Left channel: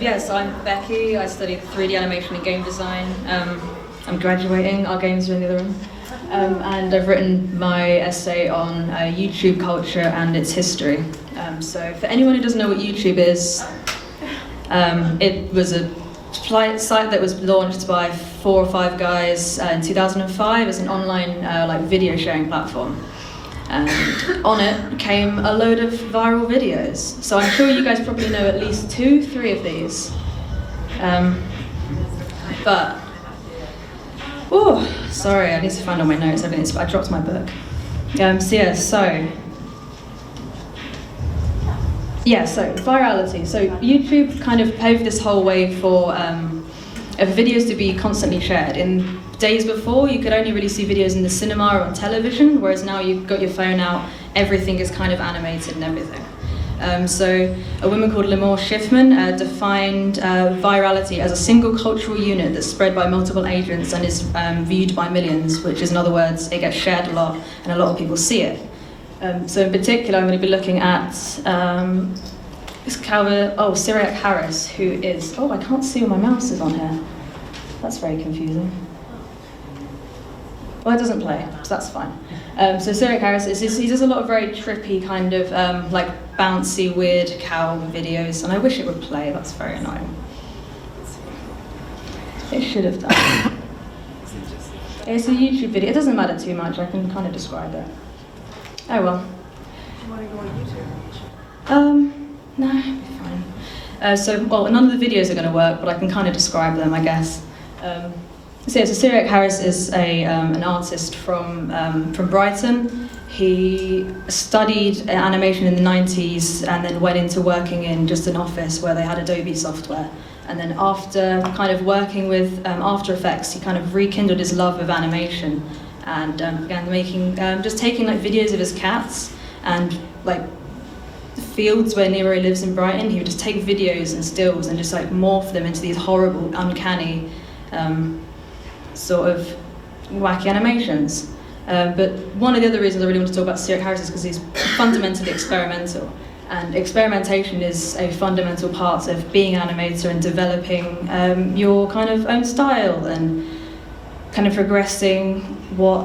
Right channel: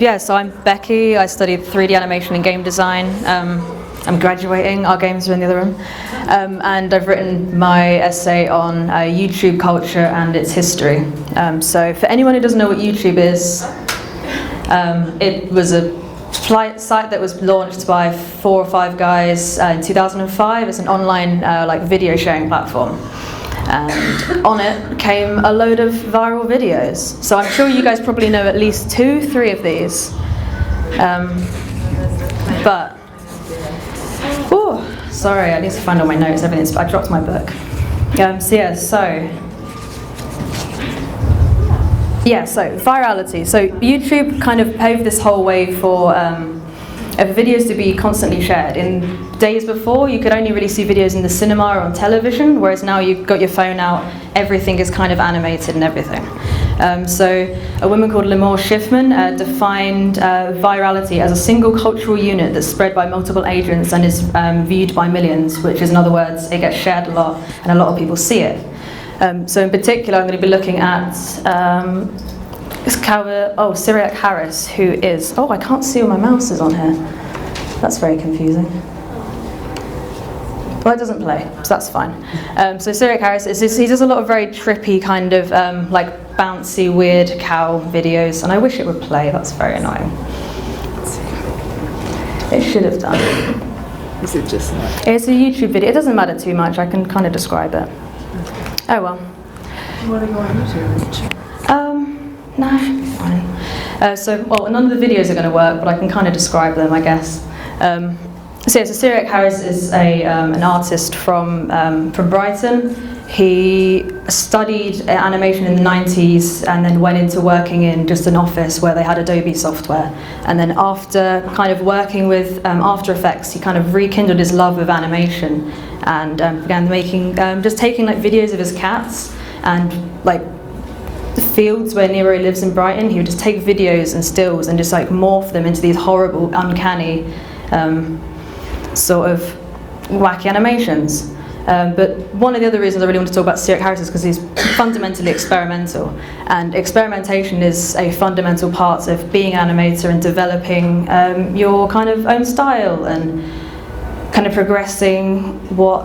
Yeah, so I'm Becky. I studied 3D animation and game design. I'm graduating. Our games are in the other room. And I've written my essay on YouTube culture and its history. So for anyone who doesn't know what YouTube is, it was a site that was launched by 4 or 5 guys in 2005. It's an online video sharing platform. And on it came a load of viral videos. So I'm sure you guys probably know at least 2, 3 of these. Sorry, I need to find all my notes, everything. I dropped my book. So virality. So YouTube kind of paved this whole way for videos to be constantly shared. In days before, you could only really see videos in the cinema or on television, whereas now you've got your phone out, everything is kind of animated and everything. So a woman called Limor Schiffman defined virality as a single cultural unit that's spread by multiple agents and is viewed by millions, which is, in other words, it gets shared a lot and a lot of people see it. So in particular, I'm going to be looking at Cyriak Harris, who is... I can't see where my mouse is on here. That's very confusing. Well, it doesn't play, so that's fine. So Cyriak Harris, he does a lot of very trippy kind of bouncy, weird cow videos, and I wish it would play. That's very annoying. It should have done. Is it just like... It's a YouTube video. It doesn't matter too much. I can kind of describe it. Oh well. What are you on YouTube? No, fine. None of the videos are going to work, but I can kind of describe them, I guess. So Cyriak Harris is an artist from Brighton. He studied animation in the 90s and then went into working in just an office where they had Adobe software. And then after kind of working with After Effects, he kind of rekindled his love of animation and began making, just taking videos of his cats and the fields where Nero lives in Brighton. He would just take videos and stills and just morph them into these horrible, uncanny sort of wacky animations. But one of the other reasons I really want to talk about Cyriak Harris is because he's fundamentally experimental. And experimentation is a fundamental part of being an animator and developing your kind of own style and kind of progressing what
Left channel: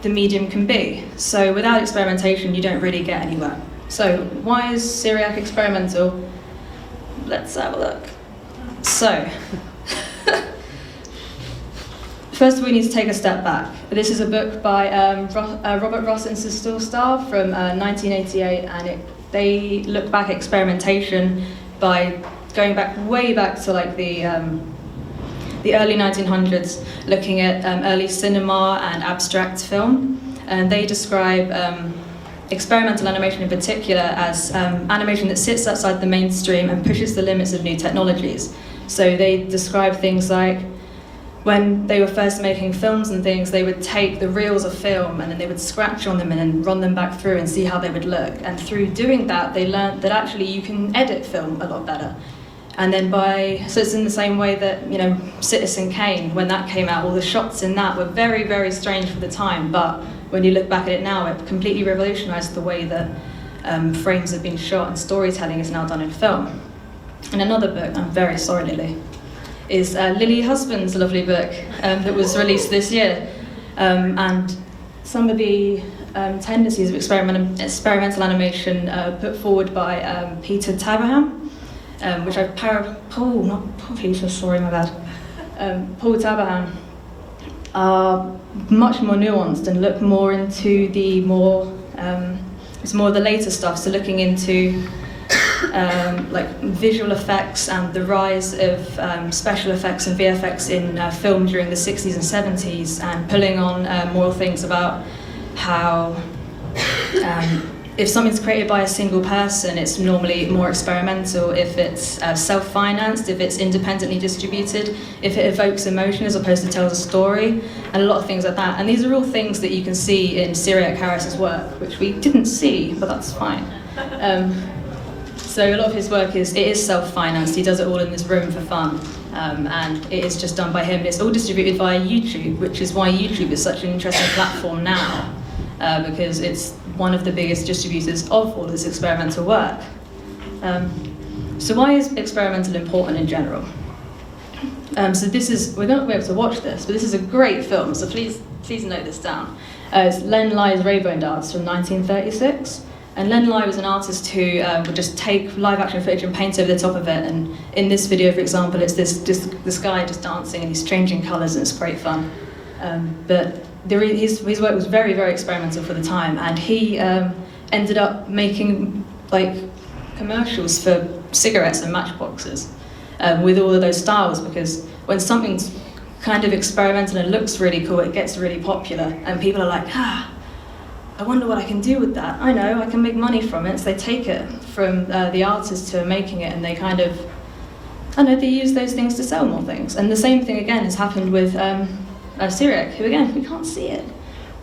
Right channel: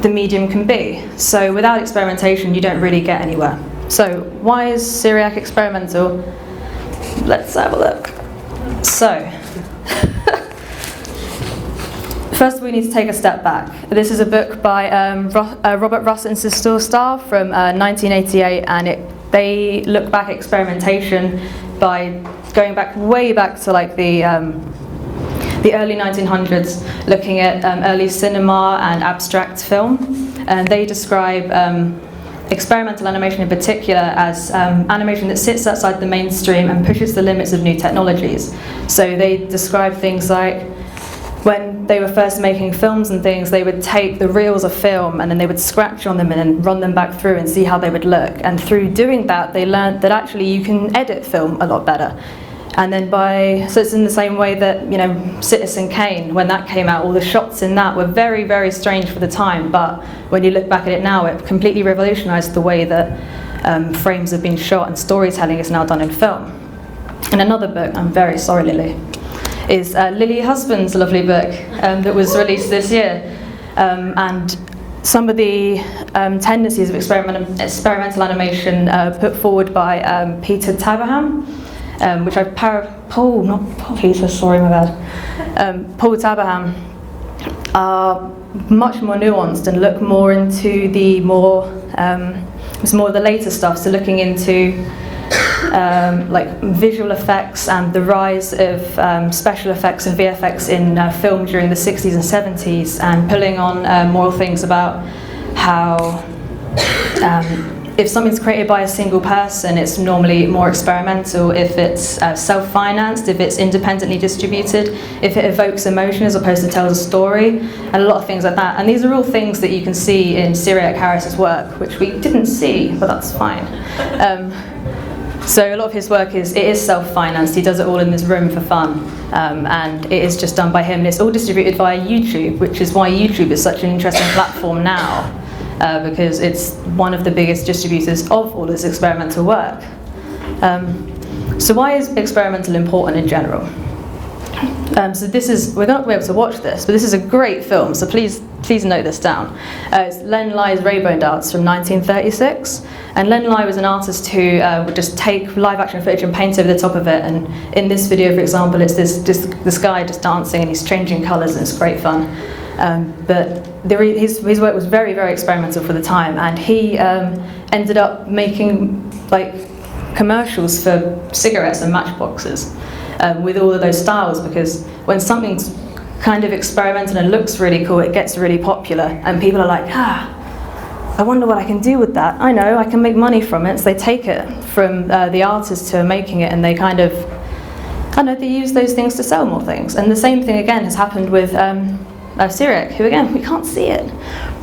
the medium can be. So without experimentation, you don't really get anywhere. So why is Cyriak experimental? Let's have a look. So, first we need to take a step back. This is a book by Robert Ross and Cecile Stahl from 1988, and they look back at experimentation by going way back to the early 1900s, looking at early cinema and abstract film. And they describe experimental animation in particular as animation that sits outside the mainstream and pushes the limits of new technologies. So they describe things like when they were first making films and things, they would take the reels of film and then they would scratch on them and then run them back through and see how they would look. And through doing that, they learned that actually you can edit film a lot better. And then so it's in the same way that, Citizen Kane, when that came out, all the shots in that were very, very strange for the time, but when you look back at it now, it completely revolutionized the way that frames have been shot and storytelling is now done in film. And another book, I'm very sorry, Lily, is Lily Husband's lovely book that was released this year. And some of the tendencies of experimental animation put forward by Peter Taberham, which I've Paul Taberham, are much more nuanced and look more into the it's more the later stuff, so looking into visual effects and the rise of special effects and VFX in film during the 60s and 70s, and pulling on more things about how if something's created by a single person, it's normally more experimental. If it's self-financed, if it's independently distributed, if it evokes emotion as opposed to tells a story, and a lot of things like that. And these are all things that you can see in Cyriak Harris's work, which we didn't see, but that's fine. So a lot of his work is self-financed. He does it all in this room for fun, and it is just done by him. And it's all distributed via YouTube, which is why YouTube is such an interesting platform now. Because it's one of the biggest distributors of all this experimental work. So why is experimental important in general? So this is, we're not going to be able to watch this, but this is a great film, so please note this down. It's Len Lai's Rainbow Darts from 1936. And Len Lai was an artist who would just take live action footage and paint over the top of it. And in this video, for example, it's this guy just dancing and he's changing colours and it's great fun. But his work was very, very experimental for the time. And he ended up making like commercials for cigarettes and matchboxes with all of those styles, because when something's kind of experimental and looks really cool, it gets really popular. And people are like, I wonder what I can do with that. I know, I can make money from it. So they take it from the artists who are making it and they kind of, they use those things to sell more things. And the same thing again has happened with Cyriak, who again, we can't see it.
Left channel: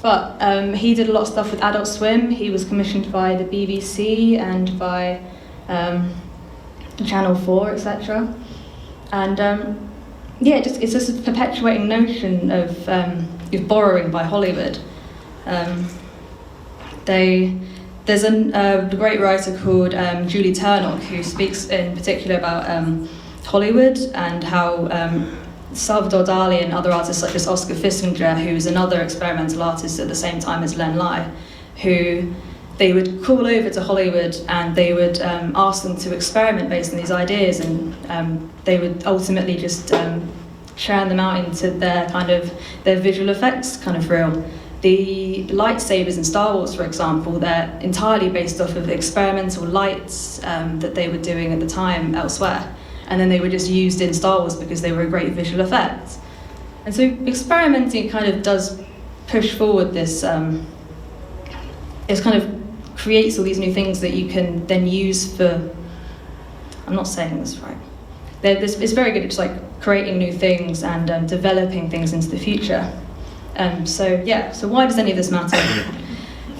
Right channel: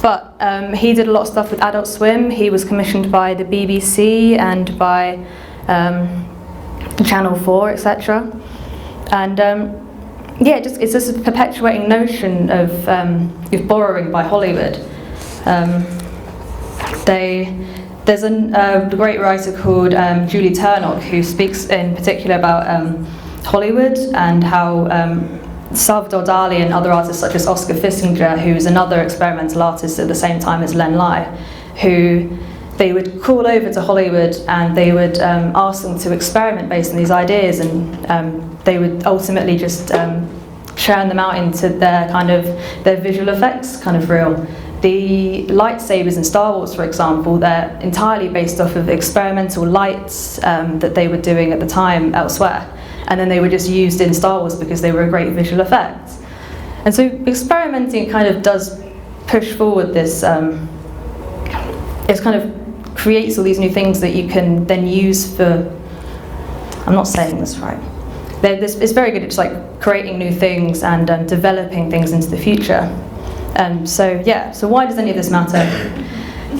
But he did a lot of stuff with Adult Swim. He was commissioned by the BBC and by Channel 4, etc. And it's just a perpetuating notion of borrowing by Hollywood. There's a great writer called Julie Turnock who speaks in particular about Hollywood and how Salvador Dali and other artists such as Oscar Fissinger, who's another experimental artist at the same time as Len Lai, who they would call over to Hollywood and they would ask them to experiment based on these ideas, and they would ultimately just churn them out into their visual effects kind of reel. The lightsabers in Star Wars, for example, they're entirely based off of experimental lights that they were doing at the time elsewhere. And then they were just used in Star Wars because they were a great visual effect. And so experimenting kind of does push forward this, it kind of creates all these new things that you can then use for, I'm not saying this right. It's very good at just like creating new things and developing things into the future. So why does any of this matter?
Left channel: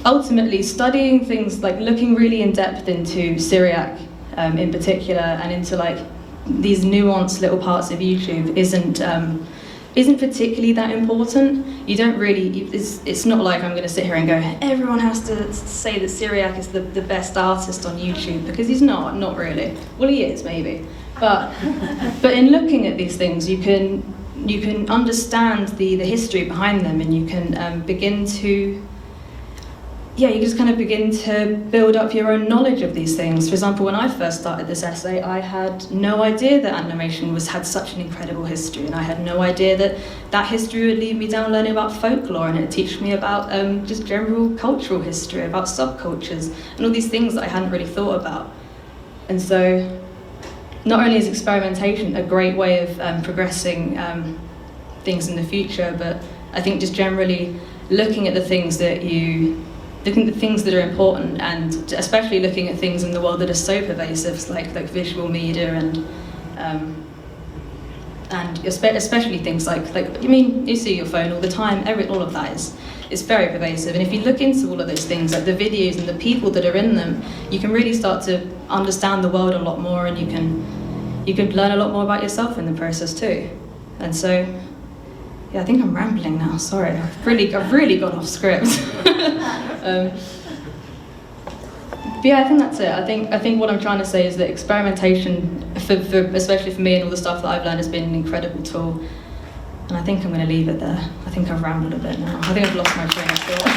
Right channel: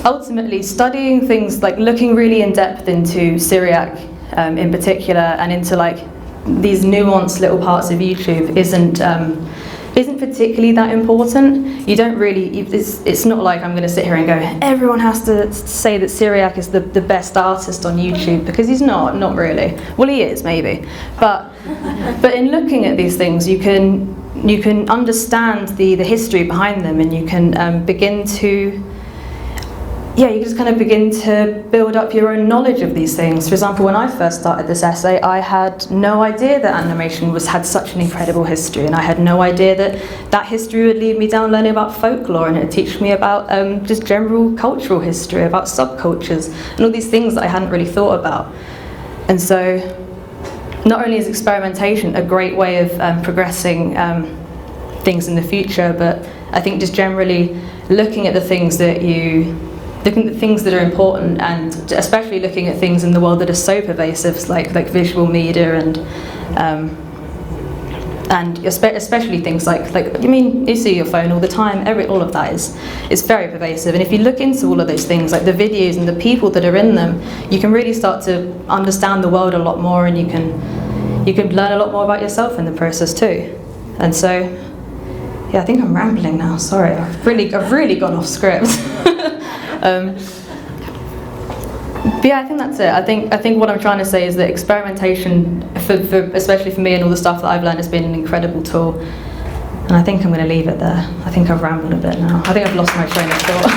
Ultimately, studying things like looking really in depth into Cyriak in particular and into like these nuanced little parts of YouTube isn't particularly that important. You don't really, it's not like I'm going to sit here and go, everyone has to say that Cyriak is the best artist on YouTube, because he's not really. Well, he is, maybe. But in looking at these things, you can understand the history behind them, and you can begin to, you just kind of begin to build up your own knowledge of these things. For example, when I first started this essay, I had no idea that animation had such an incredible history, and I had no idea that history would lead me down learning about folklore, and it would teach me about just general cultural history, about subcultures, and all these things that I hadn't really thought about. And so, not only is experimentation a great way of progressing things in the future, but I think just generally looking at the things that are important, and especially looking at things in the world that are so pervasive, like visual media and especially things like you see your phone all the time. All of that is very pervasive. And if you look into all of those things, like the videos and the people that are in them, you can really start to understand the world a lot more, and you can learn a lot more about yourself in the process too. And so, yeah, I think I'm rambling now. Sorry, I've really gone off script. But yeah, I think that's it. I think what I'm trying to say is that experimentation, for especially for me and all the stuff that I've learned, has been an incredible tool. And I think I'm going to leave it there. I think I've rambled a bit now. I think I've lost my train of thought.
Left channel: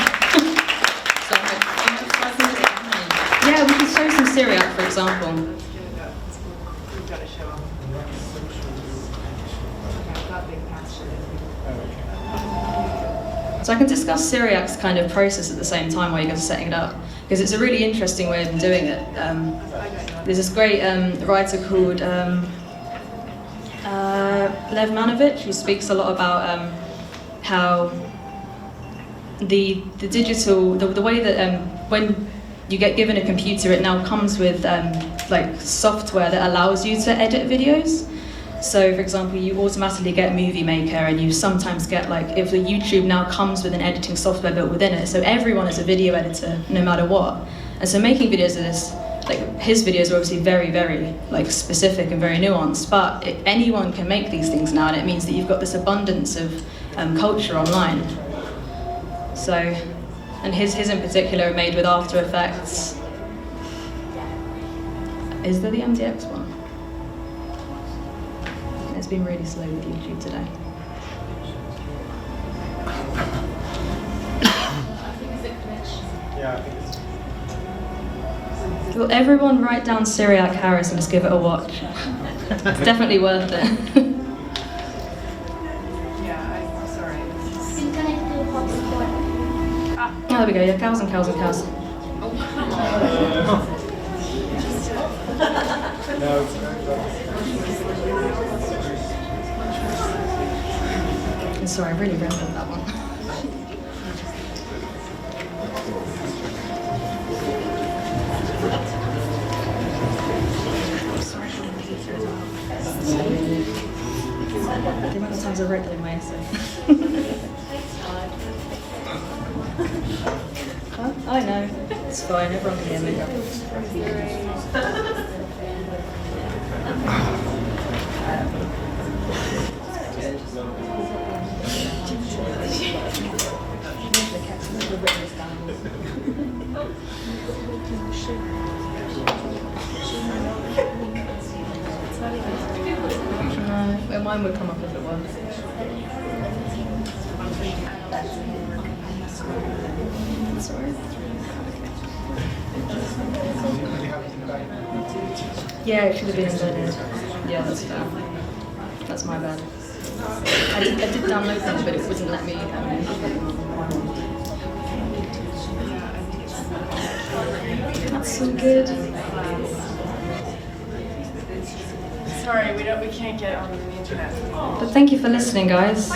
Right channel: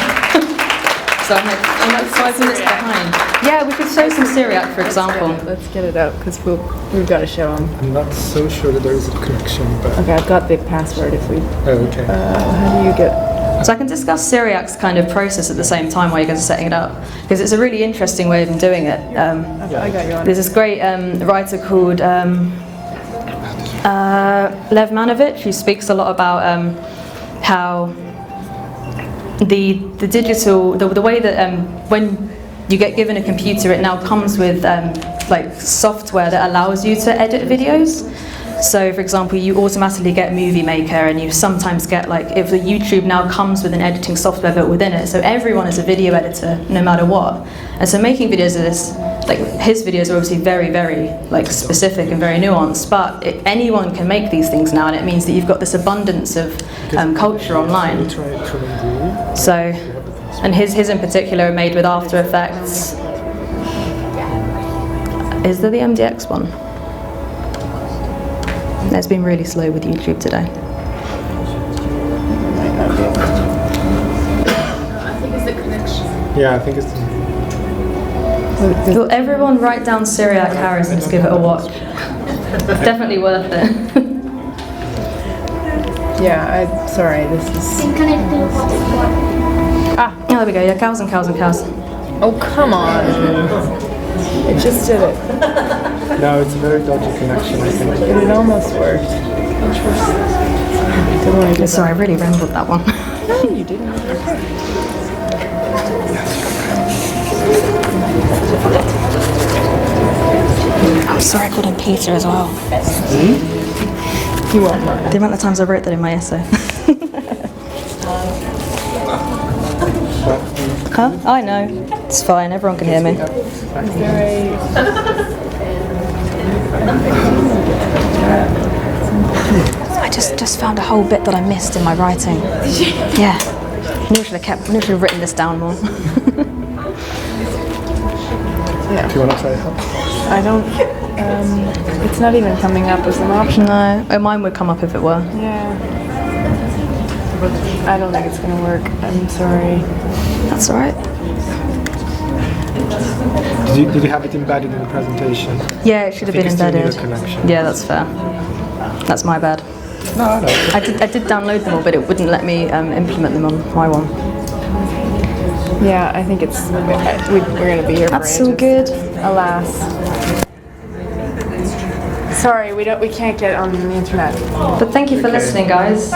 So I'm like 5 minutes behind. Yeah, we could show some Cyriak, for example. Let's get it out, because we've got to show them. I'm not so sure that there is a connection, but... Okay, I've got the password if we... Oh, okay. How do you get... So I can discuss Cyriak's kind of process at the same time while you guys are setting it up, because it's a really interesting way of doing it. I got you on. There's this great writer called Lev Manovich, who speaks a lot about how the digital, the way that when you get given a computer, it now comes with like software that allows you to edit videos. So, for example, you automatically get Movie Maker, and you sometimes get, like, if the YouTube now comes with an editing software built within it, so everyone is a video editor, no matter what. And so making videos of this, like, his videos are obviously very, very, like, specific and very nuanced, but anyone can make these things now, and it means that you've got this abundance of culture online. So, and his in particular are made with After Effects. Is there the MDX one? It's been really slow with YouTube today. Yeah, I think it's. Will everyone write down Cyriak Harris and just give it a watch? It's definitely worth it. Yeah, I'm sorry, this is... Oh, there we go. Yeah, cows and cows and cows. Oh, come on. It just did it. No, it's a very dodgy connection, I think. It almost worked. Sorry, I really rambled that one. No, you didn't. I'm sorry I called him Peter as well. You won't mind. The amount of times I wrote that in my essay. Huh? I know. It's fine, everyone can hear me. Sorry. I just found a whole bit that I missed in my writing. Yeah. Usually have written this down more. Yeah. Do you want to try it? I don't... it's not even coming up as an option. No, mine would come up if it were. Yeah. I don't think it's going to work. I'm sorry. That's all right. Did you have it embedded in the presentation? Yeah, it should have been I think you embedded. still need a connection. Yeah, that's fair. That's my bad. No. I did download them all, but it wouldn't let me implement them on my one. Yeah, I think it's... We're going to be here That's for so ages. good. Alas. Sorry, we can't get on the internet. But thank you for listening, guys.